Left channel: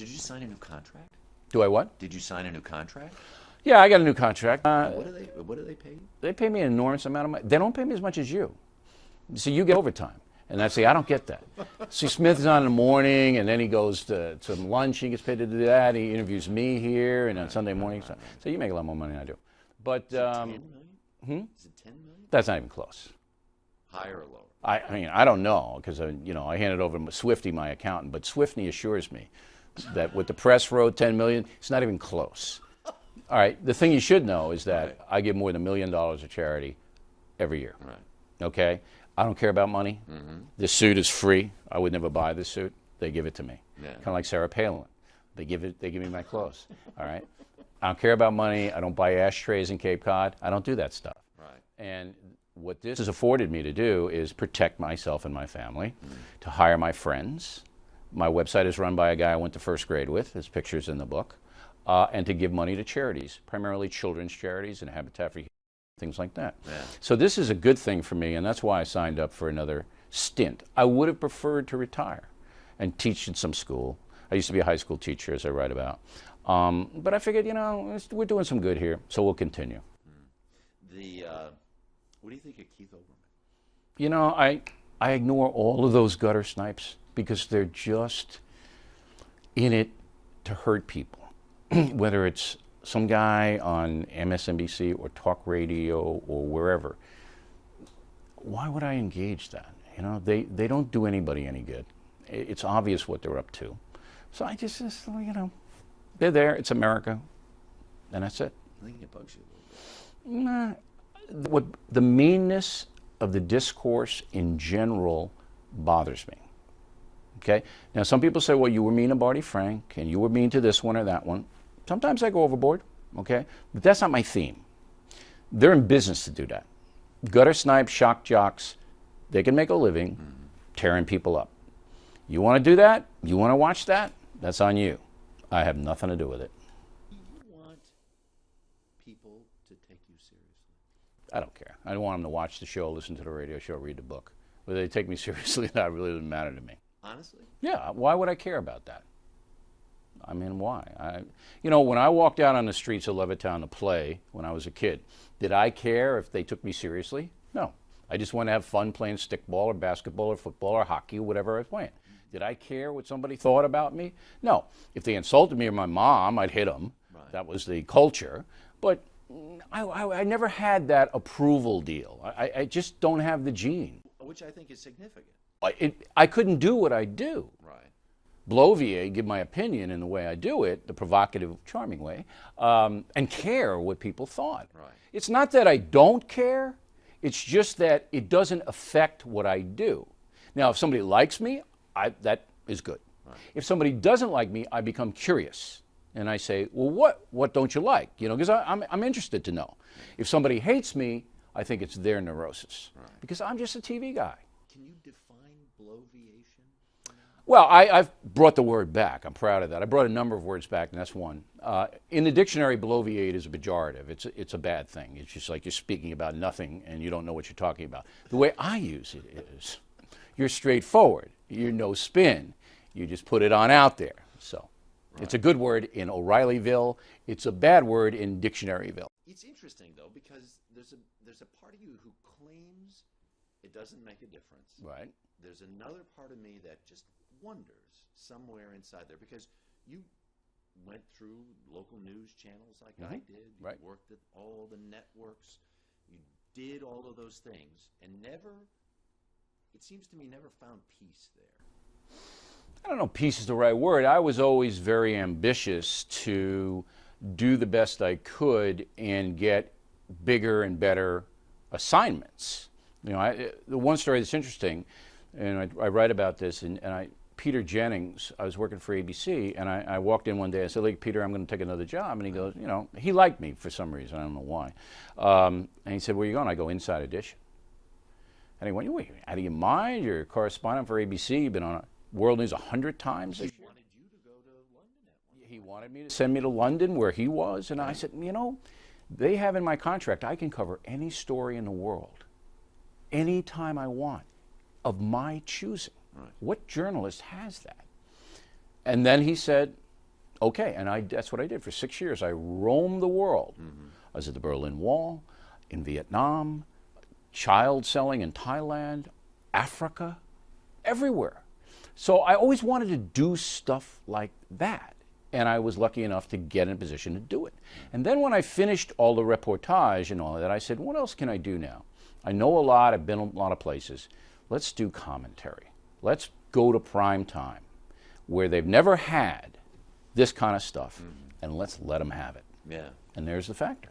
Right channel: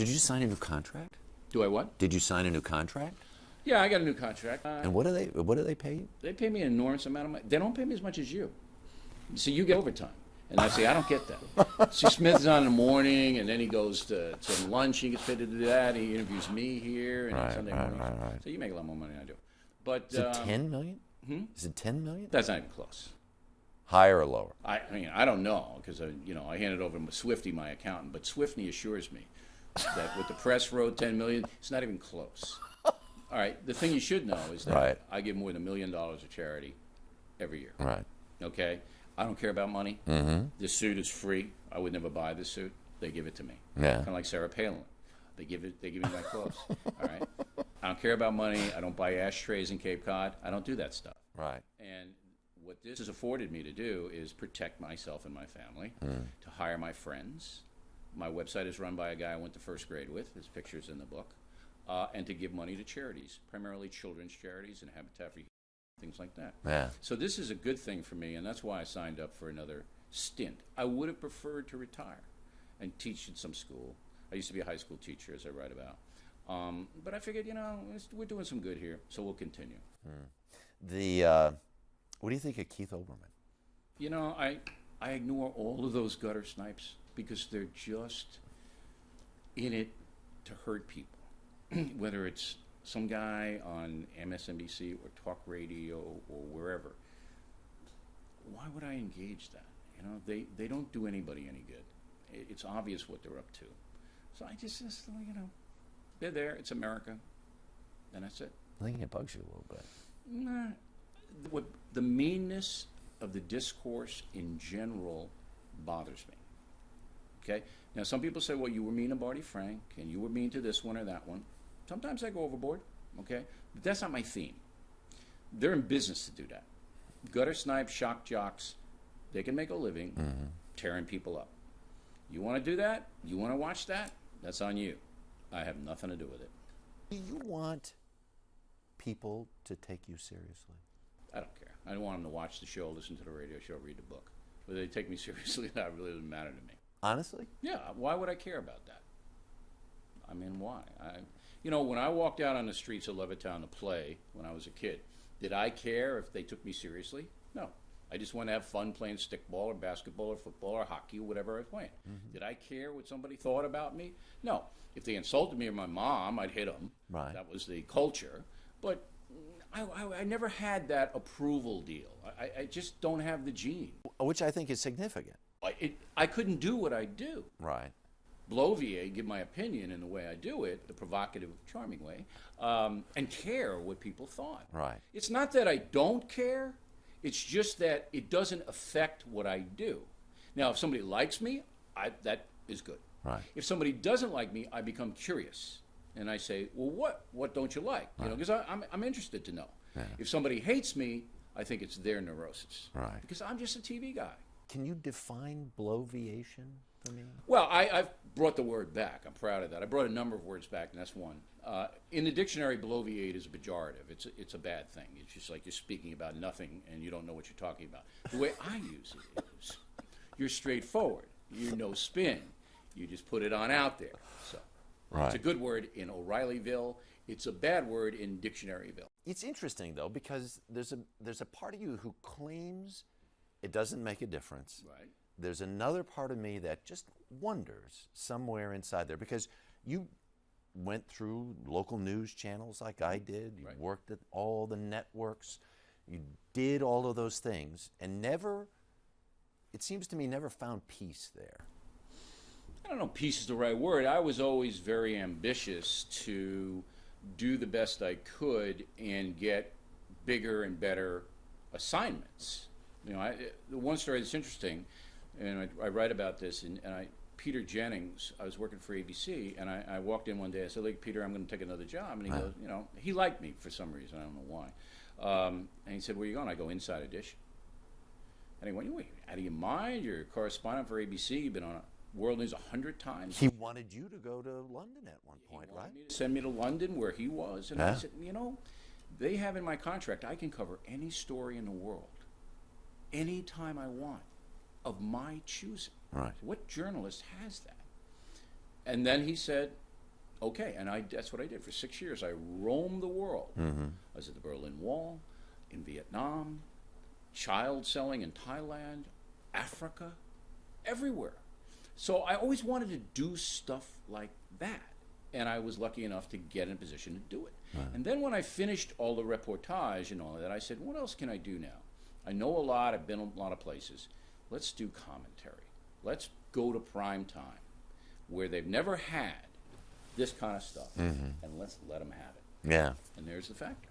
Did you sign a new contract? Do I what? Did you sign a new contract? Yeah, I got a new contract. And what do they pay you? They pay me an enormous amount of money. They don't pay me as much as you. See, you get overtime. And I say, I don't get that. See, Smith is on in the morning, and then he goes to lunch. He gets paid to do that. He interviews me here, and on Sunday morning. So you make a lot more money than I do. But Is it 10 million? Is it 10 million? That's not even close. Higher or lower? I mean, I don't know, because I handed over to Swifty, my accountant. But Swifty assures me that what the press wrote, 10 million, it's not even close. All right, the thing you should know is that I give more than $1 million of charity every year. Right. Okay? I don't care about money. This suit is free. I would never buy this suit. They give it to me. Yeah. Kind of like Sarah Palin. They give me my clothes. All right? I don't care about money. I don't buy ashtrays in Cape Cod. I don't do that stuff. Right. And what this has afforded me to do is protect myself and my family, to hire my friends. My website is run by a guy I went to first grade with. There's pictures in the book. And to give money to charities, primarily children's charities and Habitat for Humanity, things like that. Yeah. So this is a good thing for me, and that's why I signed up for another stint. I would have preferred to retire and teach in some school. I used to be a high school teacher, as I write about. But I figured, we're doing some good here, so we'll continue. What do you think of Keith Olbermann? I ignore all of those gutter snipes because they're just in it to hurt people. Whether it's some guy on MSNBC or talk radio or wherever, why would I engage that? They don't do anybody any good. It's obvious what they're up to. So I just they're there. It's America, and that's it. I think it bugs you a little bit. Nah, what the meanness of the discourse in general bothers me. Okay. Now some people say, well, you were mean to Barney Frank, and you were mean to this one or that one. Sometimes I go overboard, okay? But that's not my theme. They're in business to do that. Gutter snipes, shock jocks, they can make a living tearing people up. You want to do that? You want to watch that? That's on you. I have nothing to do with it. Do you want people to take you seriously? I don't care. I don't want them to watch the show, listen to the radio show, read the book. Whether they take me seriously, that really doesn't matter to me. Honestly? Yeah, why would I care about that? I mean, why? When I walked out on the streets of Levittown to play when I was a kid, did I care if they took me seriously? No. I just wanted to have fun playing stickball or basketball or football or hockey or whatever I was playing. Did I care what somebody thought about me? No. If they insulted me or my mom, I'd hit them. Right. That was the culture. But I never had that approval deal. I just don't have the gene. Which I think is significant. I couldn't do what I do. Right. Blovier, give my opinion in the way I do it, the provocative, charming way, and care what people thought. Right. It's not that I don't care. It's just that it doesn't affect what I do. Now, if somebody likes me, that is good. Right. If somebody doesn't like me, I become curious. And I say, well, what don't you like? Because I'm interested to know. Yeah. If somebody hates me, I think it's their neurosis. Right. Because I'm just a TV guy. Can you define bloviation for me? Well, I've brought the word back. I'm proud of that. I brought a number of words back, and that's one. In the dictionary, bloviate is a pejorative. It's a bad thing. It's just like you're speaking about nothing, and you don't know what you're talking about. The way I use it is, you're straightforward. You're no spin. You just put it on out there. So It's a good word in O'Reillyville. It's a bad word in Dictionaryville. It's interesting, though, because there's a part of you who claims it doesn't make a difference. Right. There's another part of me that just wonders somewhere inside there, because you went through local news channels like I did. You worked at all the networks. You did all of those things and never, it seems to me, never found peace there. I don't know if peace is the right word. I was always very ambitious to do the best I could and get bigger and better assignments. The one story that's interesting, and I write about this, and Peter Jennings, I was working for ABC, and I walked in one day. I said, "Look, Peter, I'm going to take another job." And he goes, he liked me for some reason. I don't know why. And he said, "Where are you going?" I go, "Inside Edition." And he went, "Wait, out of your mind? You're a correspondent for ABC. You've been on World News 100 times." He wanted you to go to London at one point. He wanted me to send me to London where he was. And I said, they have in my contract, I can cover any story in the world, anytime I want, of my choosing. Right. What journalist has that? And then he said, Okay, and that's what I did for 6 years. I roamed the world. I was at the Berlin Wall, in Vietnam, child selling in Thailand, Africa, everywhere. So I always wanted to do stuff like that. And I was lucky enough to get in a position to do it. And then when I finished all the reportage and all of that, I said, what else can I do now? I know a lot, I've been a lot of places. Let's do commentary. Let's go to prime time, where they've never had this kind of stuff, and let's let them have it. Yeah. And there's the factor.